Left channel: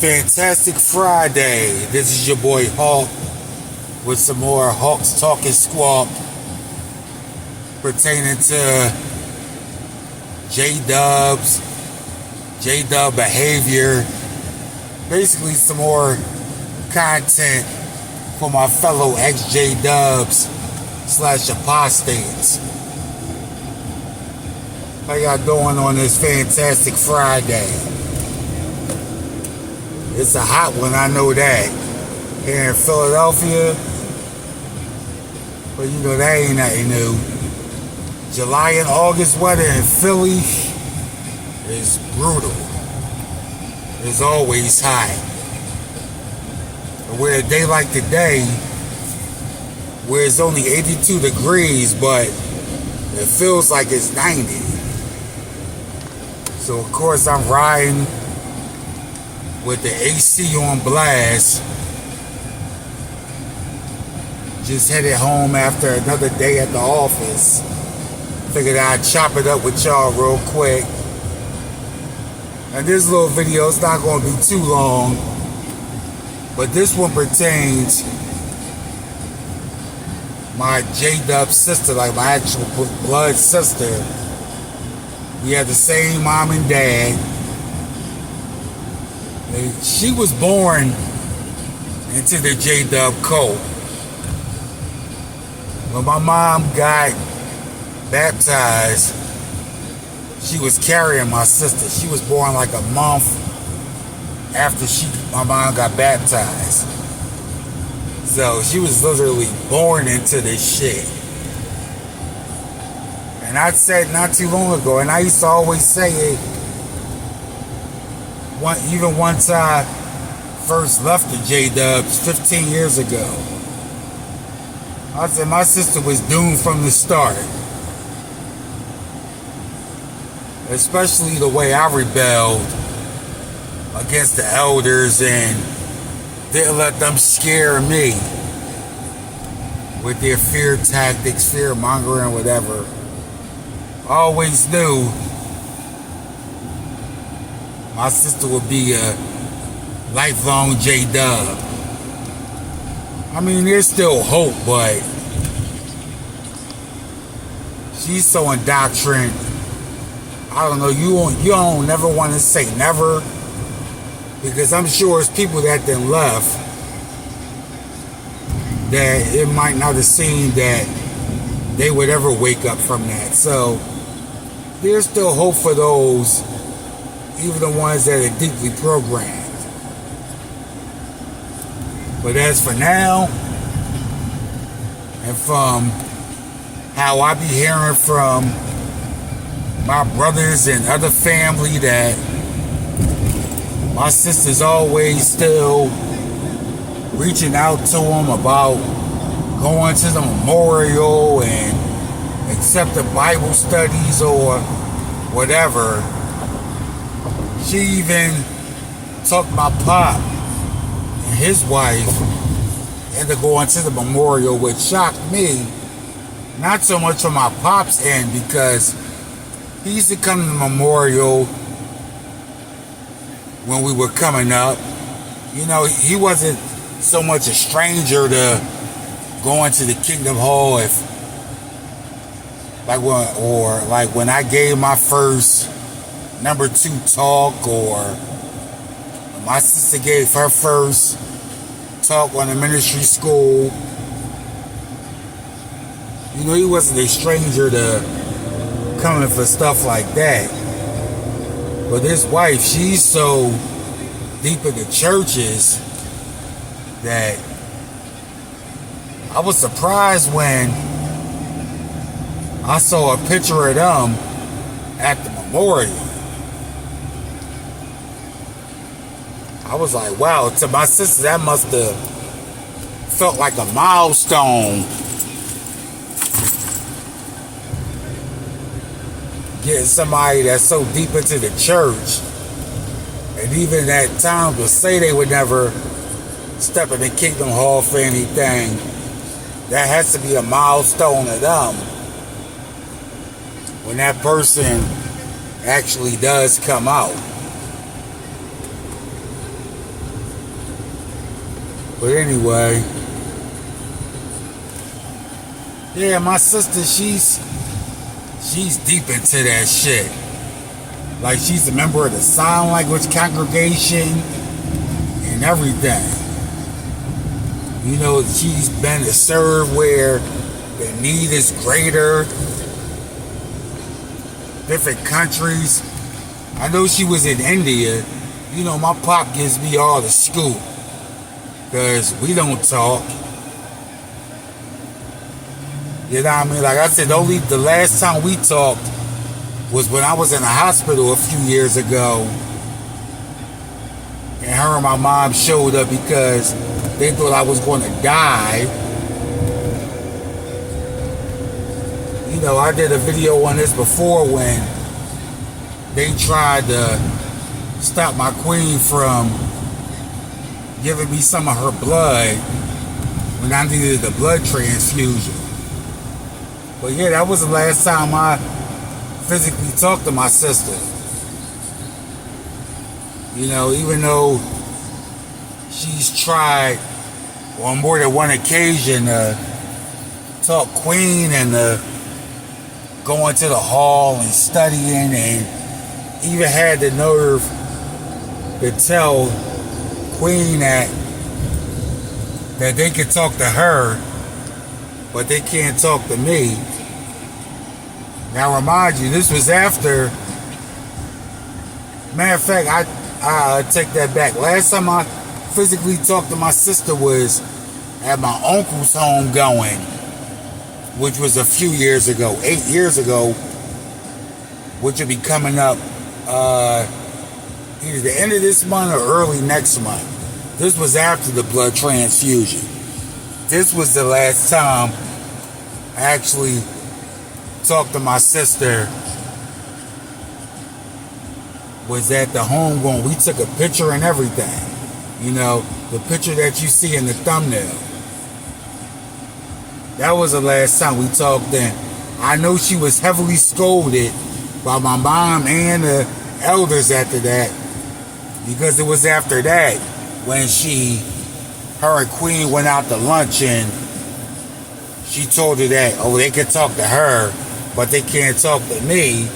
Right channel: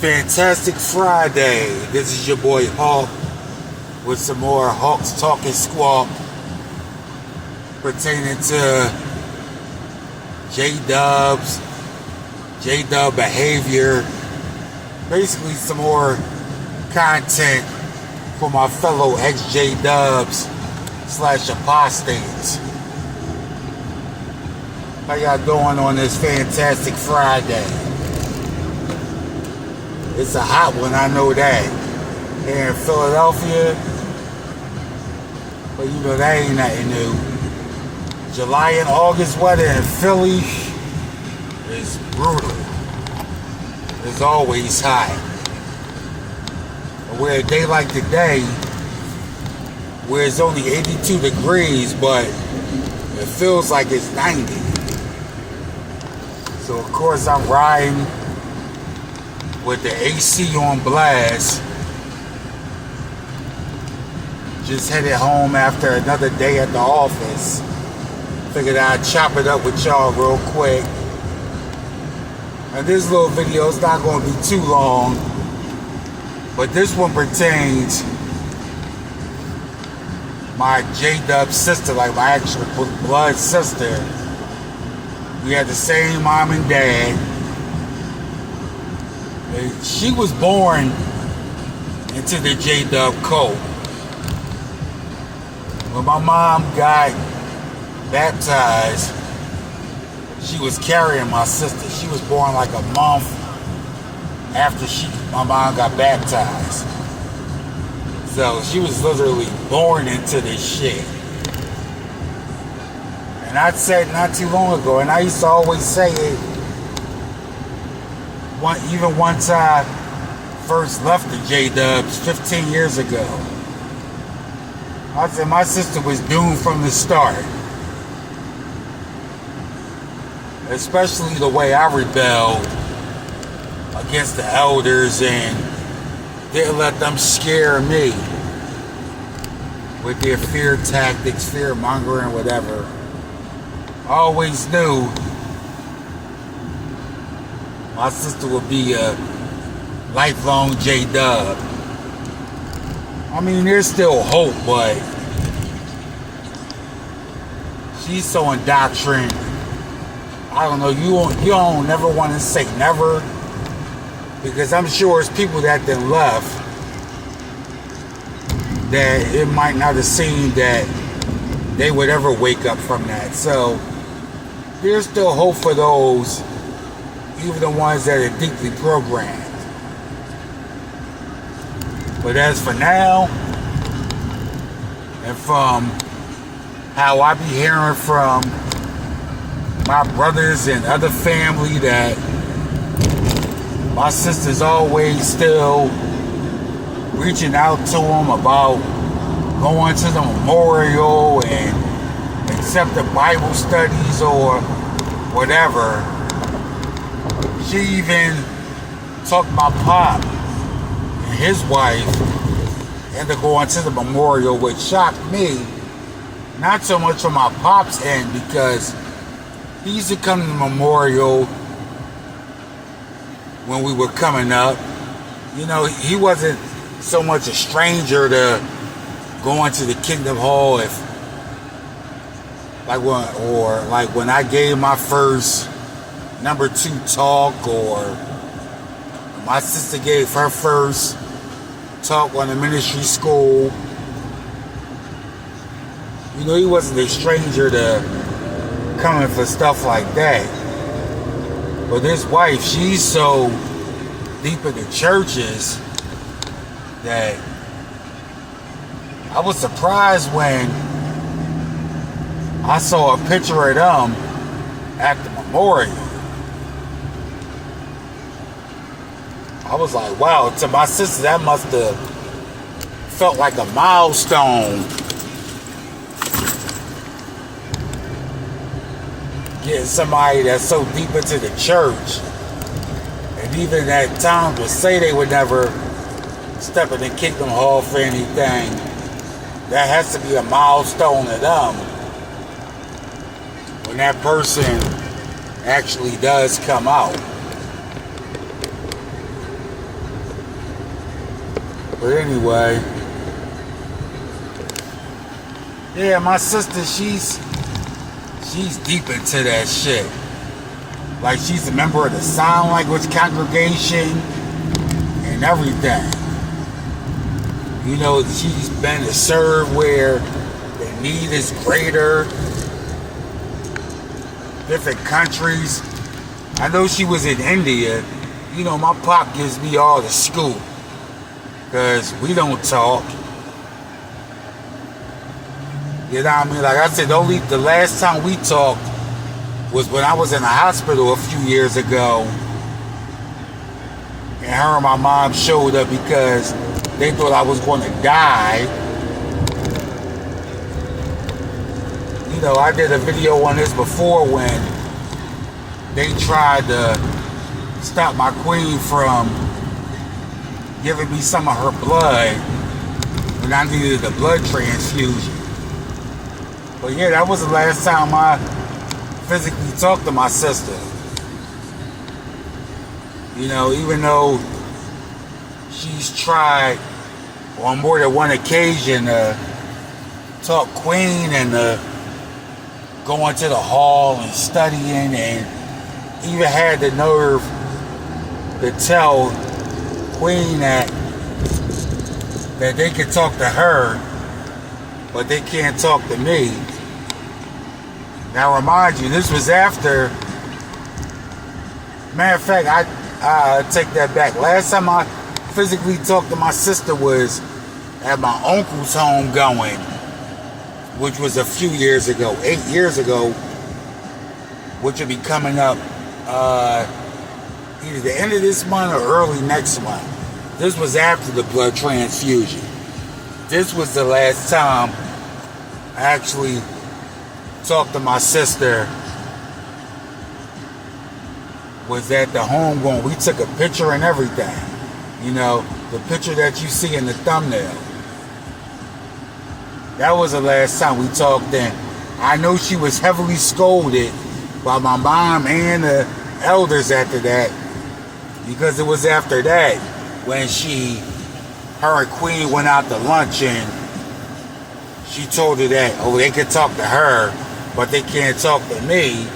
Fantastic Friday. This is your boy Hawk with some more HAWKE'S Talk and Squawk pertaining to J-Dub behavior. Basically some more content for my fellow ex-J-Dubs / apostates. How y'all doing on this fantastic Friday? It's a hot one, I know that. Here in Philadelphia, but you know that ain't nothing new. July and August weather in Philly is brutal. It's always hot. But where a day like today, where it's only 82 degrees, but it feels like it's 90. So of course I'm riding with the AC on blast. Just headed home after another day at the office. Figured I'd chop it up with y'all real quick. And this little video is not going to be too long, but this one pertains my J-Dub sister, like my actual blood sister. We had the same mom and dad. She was born into the J-Dub cult. When my mom got baptized, she was carrying my sister. She was born like a month after my mom got baptized. So she was literally born into this shit. And I said not too long ago, and I used to always say it, even once I first left the J-Dubs 15 years ago, I said my sister was doomed from the start. Especially the way I rebelled against the elders and didn't let them scare me with their fear tactics, fear mongering, whatever. I always knew my sister would be a lifelong J-Dub. I mean, there's still hope, but she's so indoctrined. I don't know, you don't never want to say never, because I'm sure it's people that then left that it might not have seemed that they would ever wake up from that. So there's still hope for those, even the ones that are deeply programmed. But as for now, and from how I be hearing from my brothers and other family, that my sister's always still reaching out to them about going to the memorial and accept the Bible studies or whatever. She even took my pop and his wife into going to the memorial, which shocked me. Not so much from my pop's end, because he used to come to the memorial when we were coming up. You know, he wasn't so much a stranger to going to the Kingdom Hall, when I gave my first number 2 talk, or my sister gave her first talk on the ministry school. You know, he wasn't a stranger to coming for stuff like that. But his wife, she's so deep in the churches that I was surprised when I saw a picture of them at the memorial. I was like, wow, to my sister, that must have felt like a milestone. Getting somebody that's so deep into the church, and even at times would say they would never step in the Kingdom Hall for anything. That has to be a milestone to them when that person actually does come out. But anyway, yeah, my sister, she's deep into that shit. Like, she's a member of the sign language congregation and everything. You know, she's been to serve where the need is greater. Different countries. I know she was in India. You know, my pop gives me all the scoop. Because we don't talk. You know what I mean? Like I said, the last time we talked was when I was in the hospital a few years ago. And her and my mom showed up because they thought I was going to die. You know, I did a video on this before when they tried to stop my queen from giving me some of her blood when I needed a blood transfusion. But yeah, that was the last time I physically talked to my sister. You know, even though she's tried on more than one occasion to talk Queene and go into the hall and studying, and even had the nerve to tell Queene that they could talk to her, but they can't talk to me. Now, remind you, this was after. Matter of fact, I take that back. Last time I physically talked to my sister was at my uncle's home going, which was a few years ago, 8 years ago, which will be coming up either the end of this month or early next month. This was after the blood transfusion. This was the last time I actually talked to my sister. Was at the home going, we took a picture and everything. You know, the picture that you see in the thumbnail. That was the last time we talked then. I know she was heavily scolded by my mom and the elders after that, because it was after that when her and Queene went out to lunch and she told her that, oh, they could talk to her, but they can't talk to me.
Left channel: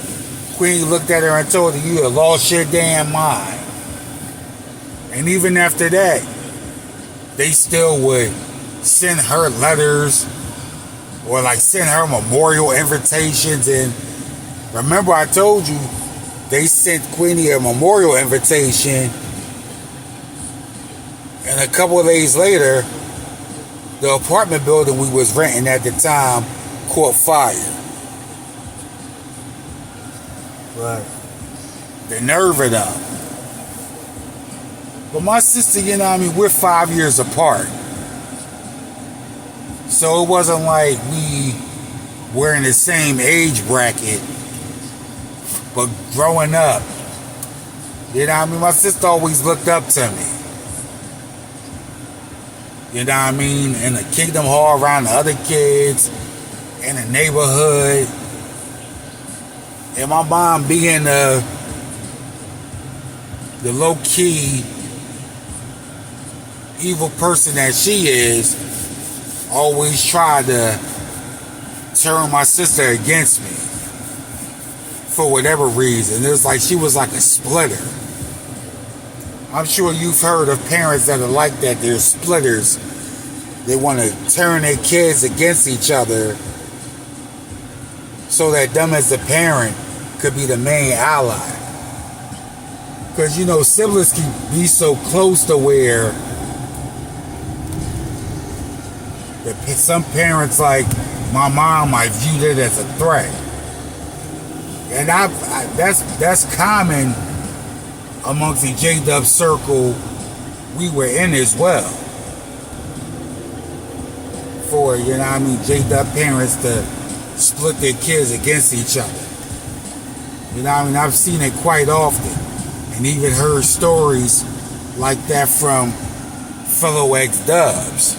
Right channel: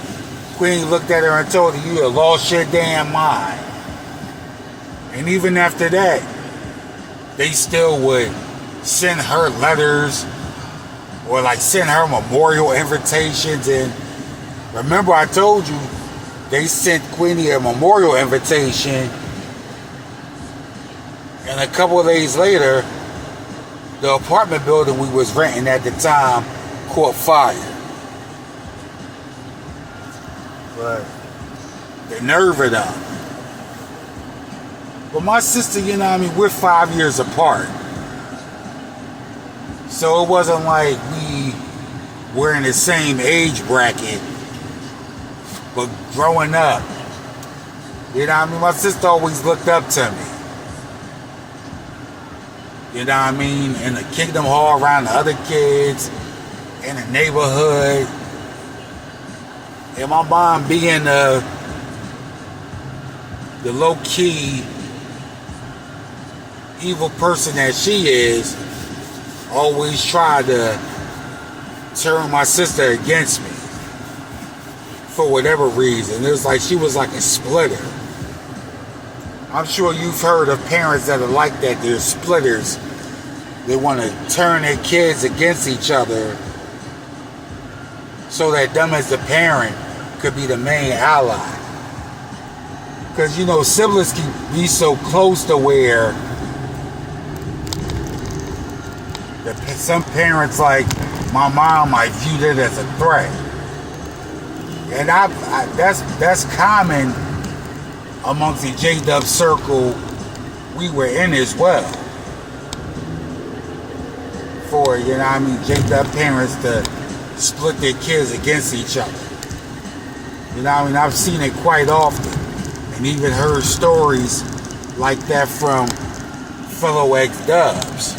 Queene looked at her and told her, you lost your damn mind. And even after that, they still would send her letters or like send her memorial invitations. And remember, I told you, they sent Queenie a memorial invitation, and a couple of days later, the apartment building we was renting at the time caught fire. But the nerve of them. But my sister, you know what I mean, we're 5 years apart. So it wasn't like we were in the same age bracket. But growing up, you know what I mean, my sister always looked up to me. You know what I mean? In the Kingdom Hall around the other kids, in the neighborhood. And my mom being the low-key evil person that she is, always tried to turn my sister against me for whatever reason. It was like she was like a splitter. I'm sure you've heard of parents that are like that. They're splitters. They want to turn their kids against each other so that them as the parent could be the main ally. Because, you know, siblings can be so close to where some parents, like my mom, might view it as a threat. And that's common amongst the J-Dub circle we were in as well. For, you know what I mean, J-Dub parents to split their kids against each other. You know what I mean? I've seen it quite often. And even heard stories like that from fellow ex-Dubs.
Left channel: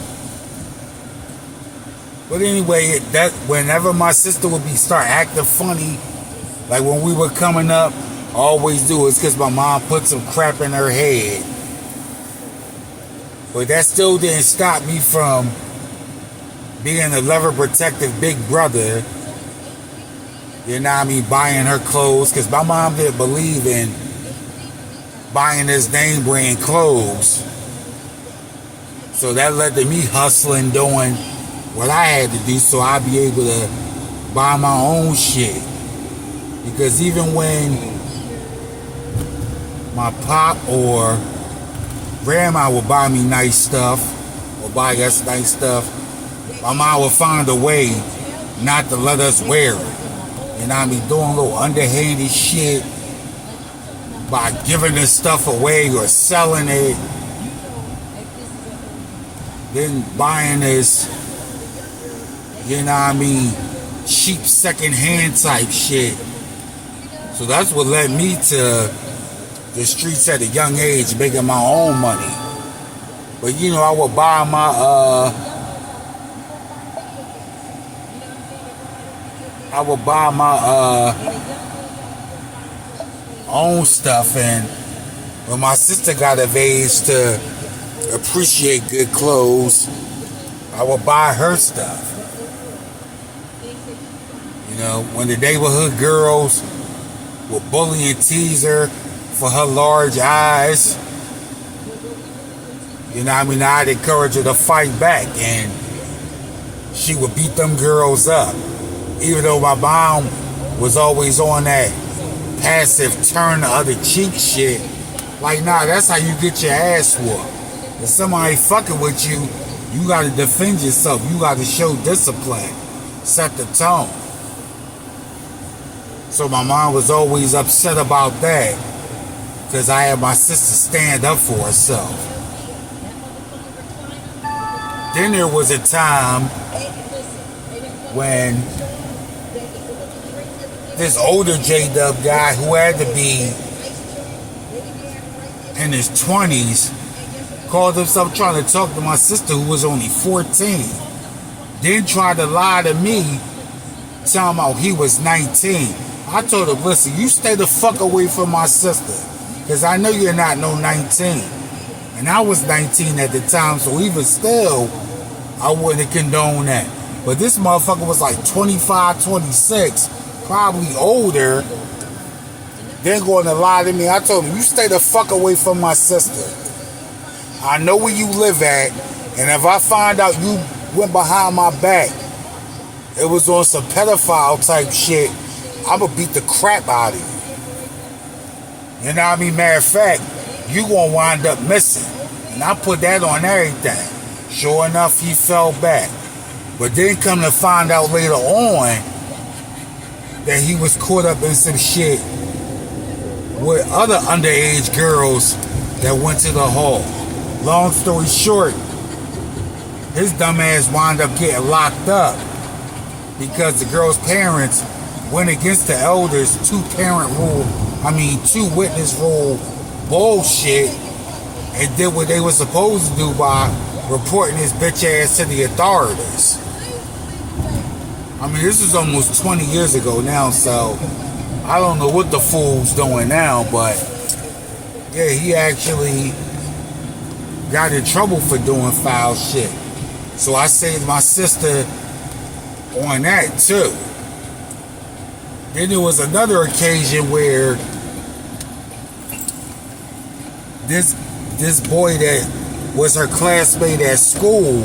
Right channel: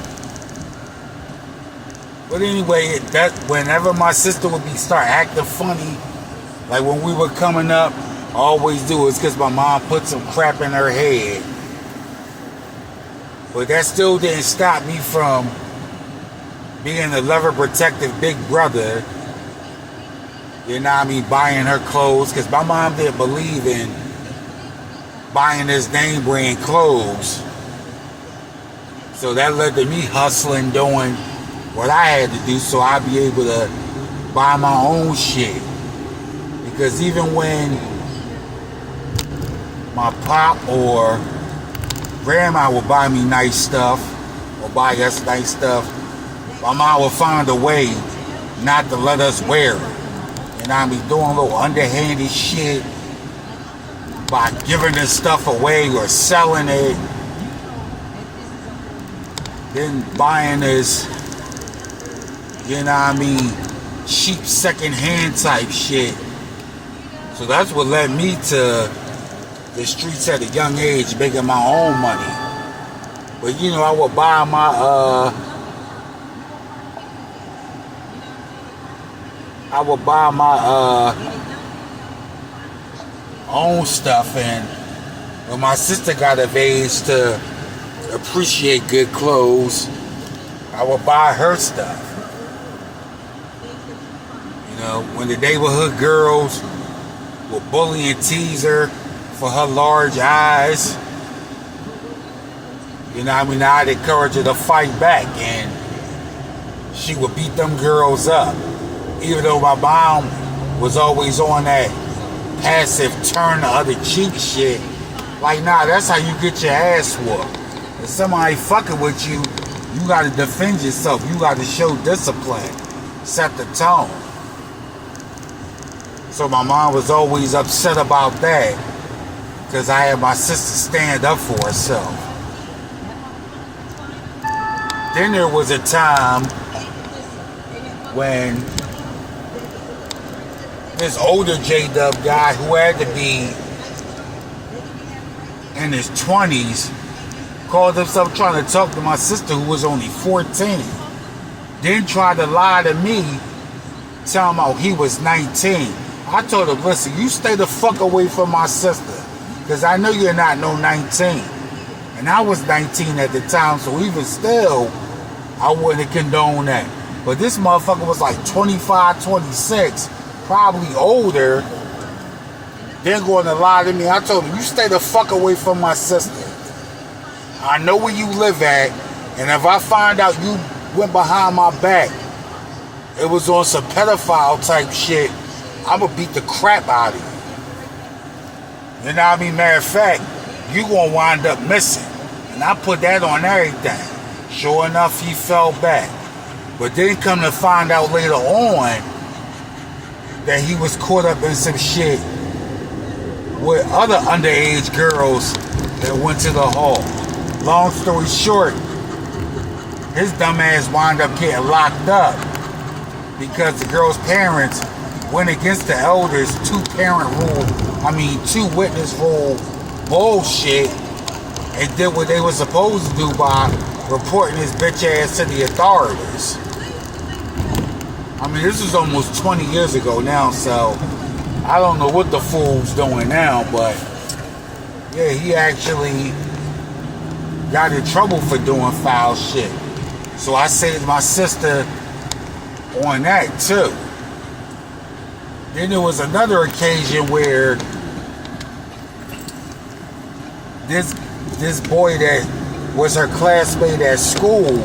But anyway, that whenever my sister would start acting funny, like when we were coming up, I always do it because my mom put some crap in her head. But that still didn't stop me from being a lover, protective big brother. You know what I mean? Buying her clothes. Because my mom didn't believe in buying this name brand clothes. So that led to me hustling, doing what I had to do so I'd be able to buy my own shit. Because even when my pop or grandma would buy me nice stuff, or buy us nice stuff, my mom would find a way not to let us wear it. You know what I mean? Doing a little underhanded shit by giving this stuff away or selling it. Then buying this, you know what I mean, cheap second-hand type shit. So that's what led me to the streets at a young age, making my own money. But you know, I would buy my own stuff, and when my sister got of age to appreciate good clothes, I would buy her stuff. You know, when the neighborhood girls would bully and tease her for her large eyes, you know what I mean, I'd encourage her to fight back, and she would beat them girls up. Even though my mom was always on that passive turn the other cheek shit, like, nah, that's how you get your ass whooped. If somebody fucking with you, you gotta defend yourself. You gotta show discipline. Set the tone. So my mom was always upset about that, because I had my sister stand up for herself. Then there was a time when this older J-Dub guy who had to be in his 20s called himself trying to talk to my sister who was only 14. Then tried to lie to me, telling me he was 19. I told him, listen, you stay the fuck away from my sister, because I know you're not no 19. And I was 19 at the time, so even still, I wouldn't condone that. But this motherfucker was like 25, 26, probably older. Then going to lie to me. I told him, you stay the fuck away from my sister. I know where you live at, and if I find out you went behind my back, it was on some pedophile type shit, I'm gonna beat the crap out of you. You know what I mean? Matter of fact, you gonna wind up missing. And I put that on everything. Sure enough, he fell back. But then come to find out later on that he was caught up in some shit with other underage girls that went to the hall. Long story short, his dumb ass wound up getting locked up because the girl's parents went against the elders' two witness rule bullshit, and did what they were supposed to do by reporting his bitch ass to the authorities. I mean, this is almost 20 years ago now, so I don't know what the fool's doing now, but yeah, he actually got in trouble for doing foul shit. So I saved my sister on that too. Then there was another occasion where this boy that was her classmate at school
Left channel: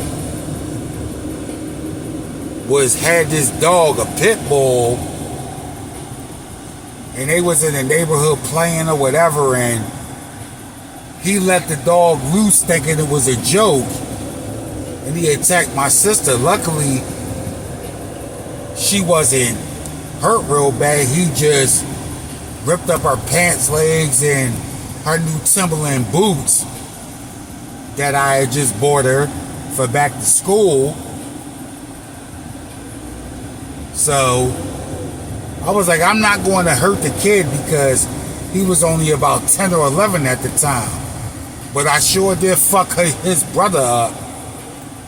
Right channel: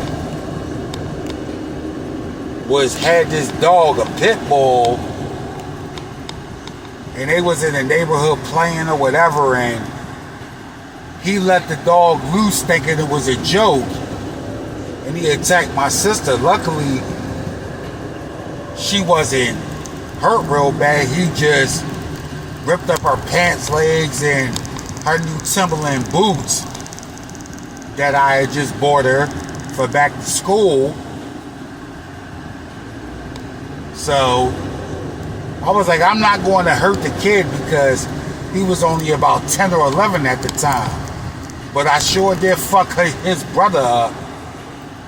had this dog, a pit bull, and they was in the neighborhood playing or whatever, and he let the dog loose thinking it was a joke, and he attacked my sister. Luckily, she wasn't hurt real bad. He just ripped up her pants legs and her new Timberland boots that I had just bought her for back to school. So I was like, I'm not going to hurt the kid because he was only about 10 or 11 at the time. But I sure did fuck his brother up.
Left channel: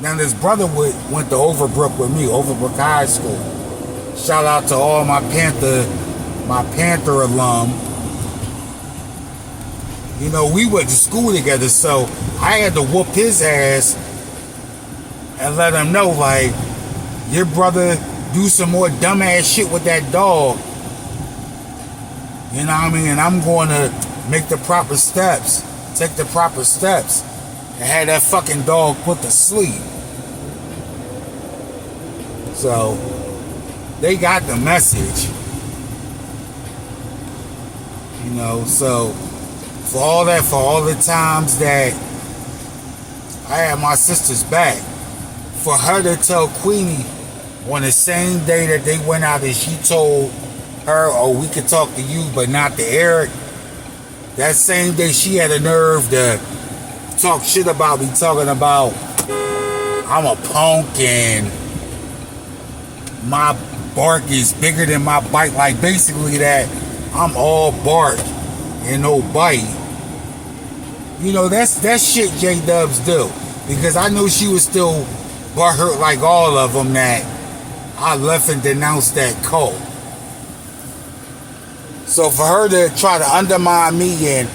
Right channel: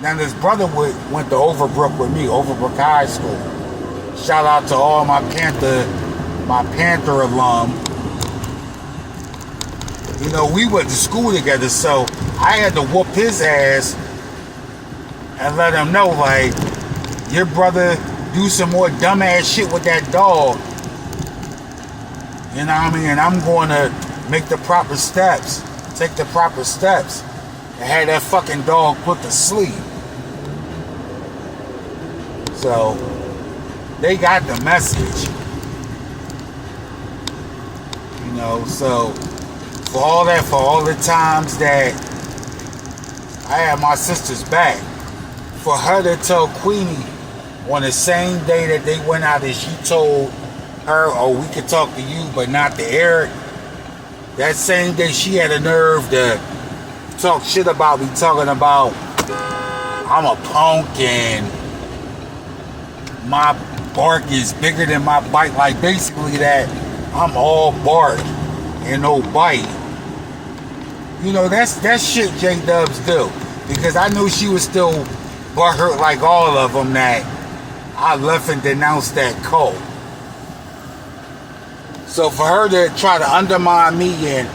Then his brother went to Overbrook with me, Overbrook High School. Shout out to all my Panther alum. You know, we went to school together, so I had to whoop his ass and let him know, like, your brother do some more dumbass shit with that dog. You know what I mean? And I'm going to make the proper steps, take the proper steps, and have that fucking dog put to sleep. So, they got the message. You know, so, for all the times that I had my sister's back, for her to tell Queenie on the same day that they went out and she told her, oh, we could talk to you, but not to Eric, that same day she had a nerve to talk shit about me, talking about I'm a punk and my bark is bigger than my bite. Like, basically that I'm all bark and no bite. You know, that's shit J-Dubs do. Because I knew she was still butthurt like all of them that I left and denounced that cult. So for her to try to undermine me, and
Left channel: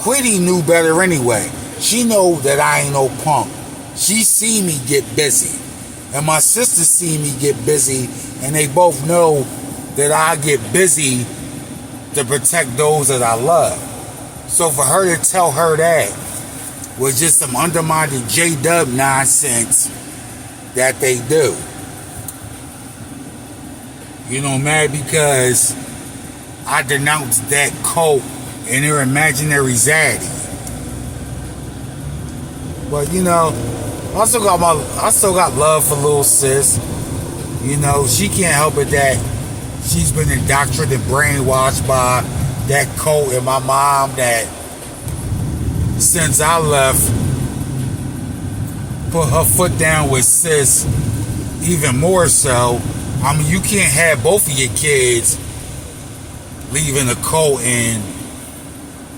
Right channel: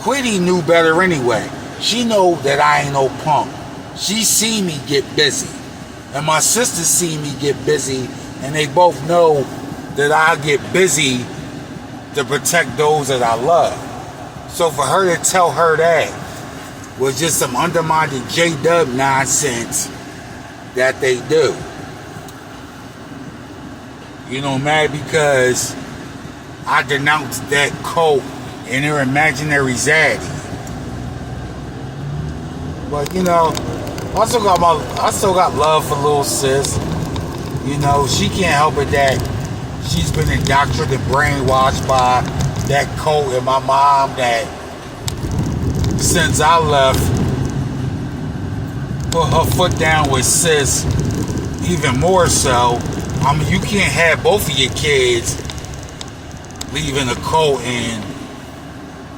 Queenie knew better anyway. She know that I ain't no punk. She see me get busy. And my sister see me get busy, and they both know that I get busy to protect those that I love. So for her to tell her that was just some undermining J-Dub nonsense that they do. You know, mad because I denounced that cult and their imaginary zaddy. But you know, I still got love for little sis. You know, she can't help it that she's been indoctrinated and brainwashed by that cult, and my mom that since I left put her foot down with sis even more so. I mean, you can't have both of your kids leaving the cult and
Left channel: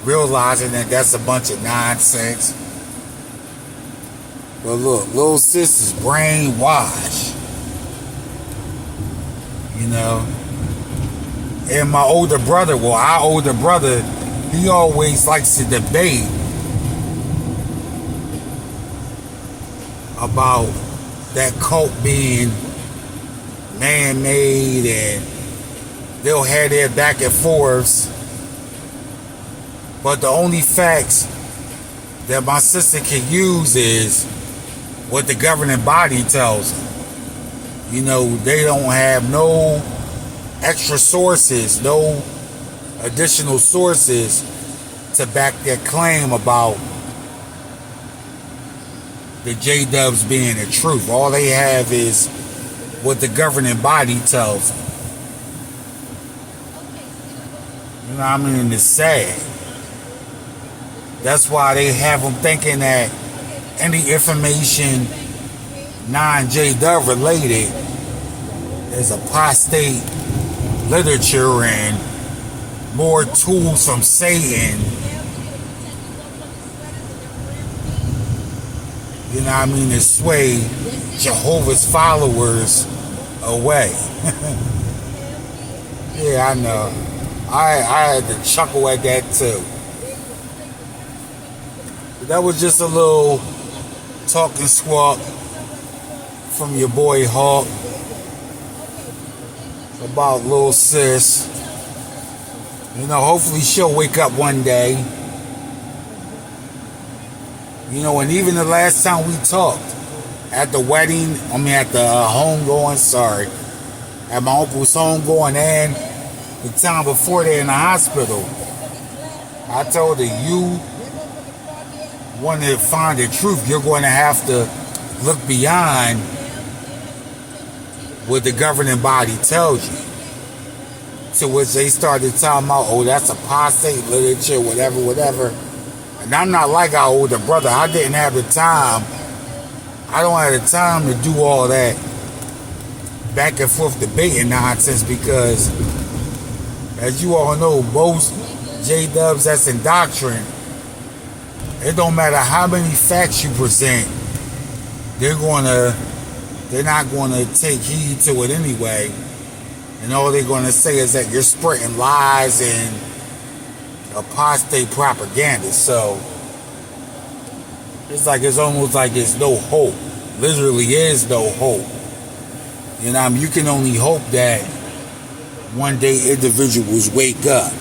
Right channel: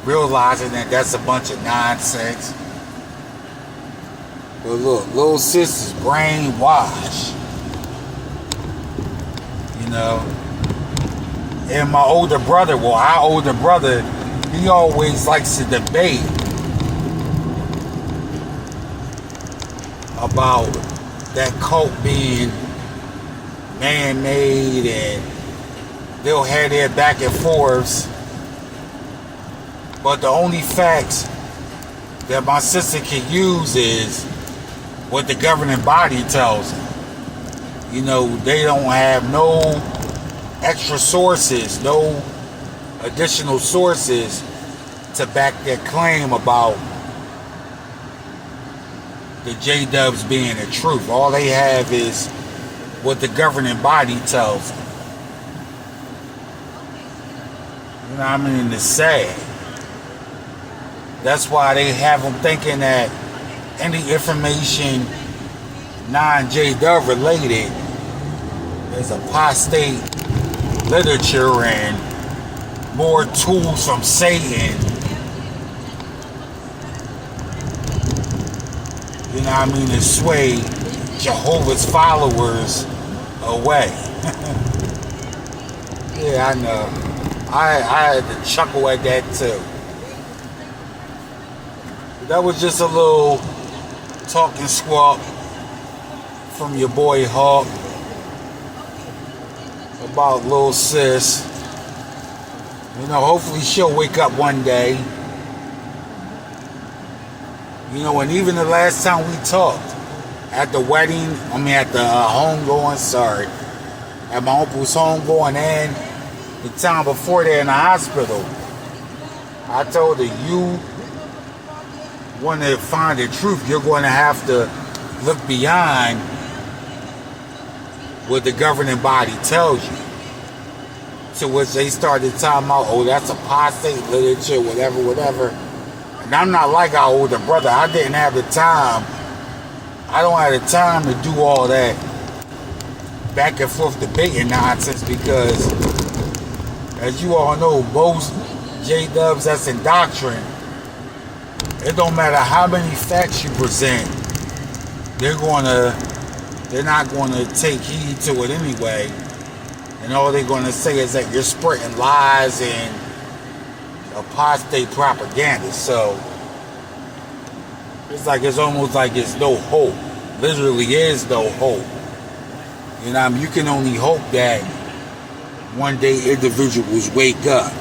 realizing that that's a bunch of nonsense. But look, little sis is brainwashed. You know? And my older brother, well, our older brother, he always likes to debate about that cult being man-made, and they'll have their back and forths. But the only facts that my sister can use is what the governing body tells them. You know, they don't have no extra sources, no additional sources to back their claim about the J-Dubs being the truth. All they have is what the governing body tells them. You know what I mean? It's sad. That's why they have them thinking that any information non-J-Dub related is apostate literature and more tools from Satan. You know what I mean? To sway Jehovah's followers away. Yeah, I know. I had to chuckle at that too. But that was just a little talking squawk from your boy Hawk about little sis. You know, hopefully she'll wake up one day. You know, and even the last time we talked, at the wedding, at the homegoing, at my uncle's homegoing, and the time before that in the hospital, I told her, you want to find the truth, you're going to have to look beyond what the governing body tells you. To which they started talking about, oh, that's apostate literature, whatever. And I'm not like our older brother. I didn't have the time. I don't have the time to do all that back and forth debating nonsense, because, as you all know, most J-Dubs that's in doctrine, it don't matter how many facts you present, they're not going to take heed to it anyway. And all they're going to say is that you're spreading lies and apostate propaganda. So it's almost like there's no hope. Literally is no hope. You know, you can only hope that one day individuals wake up.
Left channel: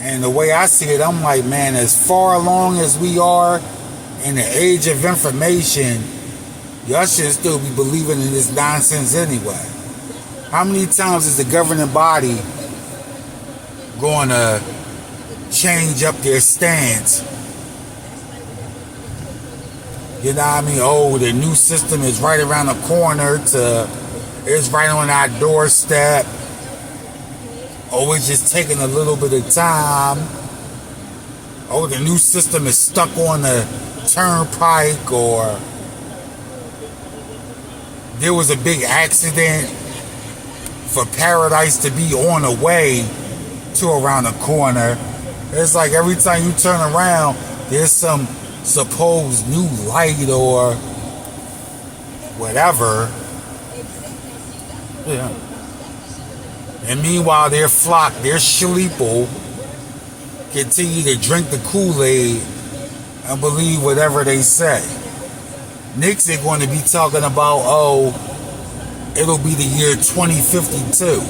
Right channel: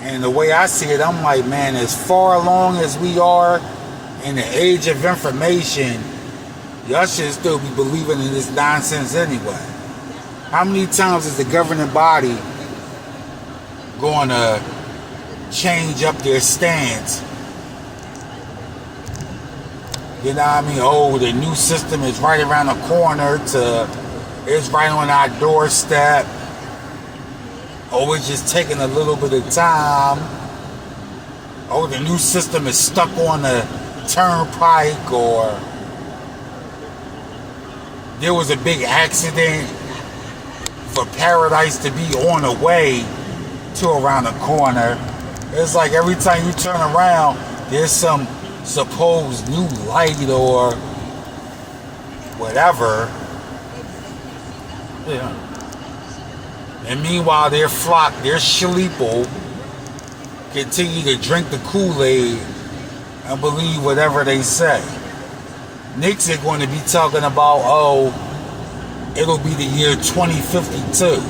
And the way I see it, I'm like, man, as far along as we are in the age of information, y'all should still be believing in this nonsense anyway. How many times is the governing body going to change up their stance? You know what I mean? Oh, the new system is right around the corner to it's right on our doorstep. Oh, it's just taking a little bit of time. Oh, the new system is stuck on the turnpike, or there was a big accident for paradise to be on the way to around the corner. It's like every time you turn around, there's some supposed new light or whatever. Yeah. And meanwhile, their flock, their shlipo, continue to drink the Kool-Aid and believe whatever they say. Nixon going to be talking about, oh, it'll be the year 2052.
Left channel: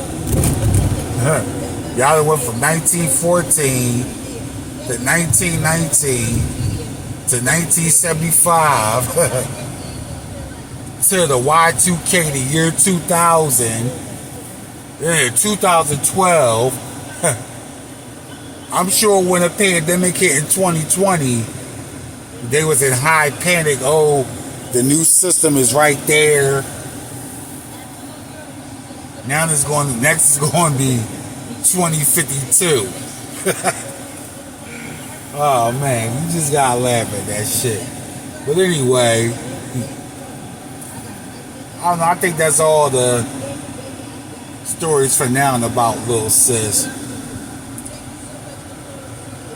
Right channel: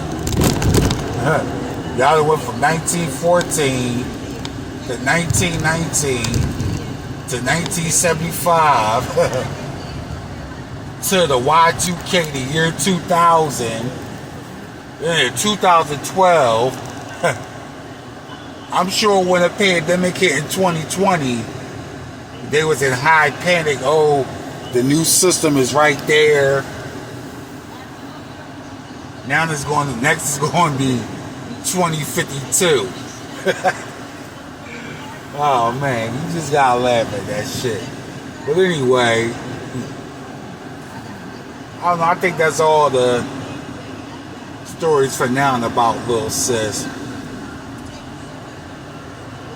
Y'all went from 1914 to 1919 to 1975 to the Y2K, the year 2000, 2012. I'm sure when a pandemic hit in 2020, they was in high panic. Oh, the new system is right there. Now next is going to be 2052. Oh man, you just gotta laugh at that shit. But anyway, I don't know, I think that's all the stories for now about little sis.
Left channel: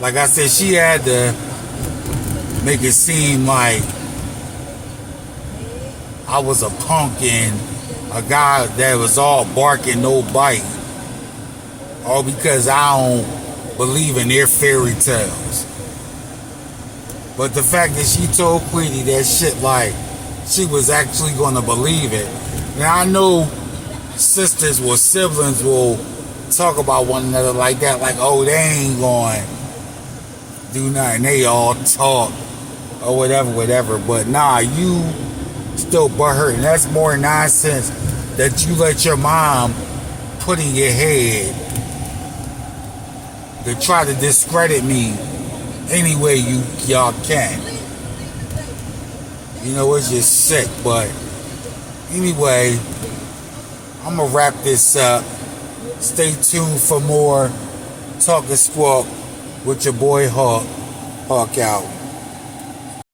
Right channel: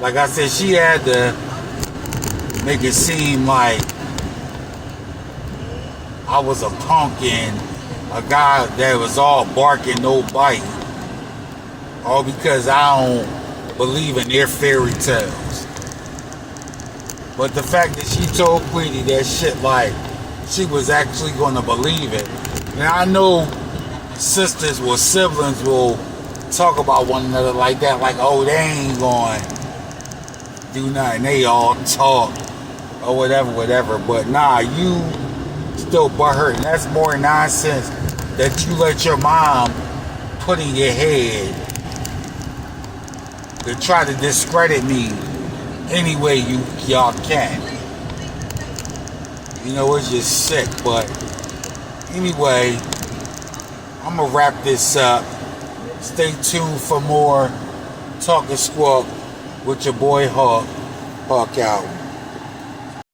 Like I said, she had to make it seem like I was a punk and a guy that was all bark and no bite. All because I don't believe in their fairy tales. But the fact that she told Queenie that shit like she was actually going to believe it. Now I know sisters or siblings will talk about one another like that, like, oh, they ain't going to do nothing, they all talk or whatever. But nah, you still butthurt, and that's more nonsense that you let your mom put in your head to try to discredit me any way y'all can. You know, it's just sick. But anyway, I'm gonna wrap this up. Stay tuned for more Talk and Squawk with your boy Hawk. Hawk out.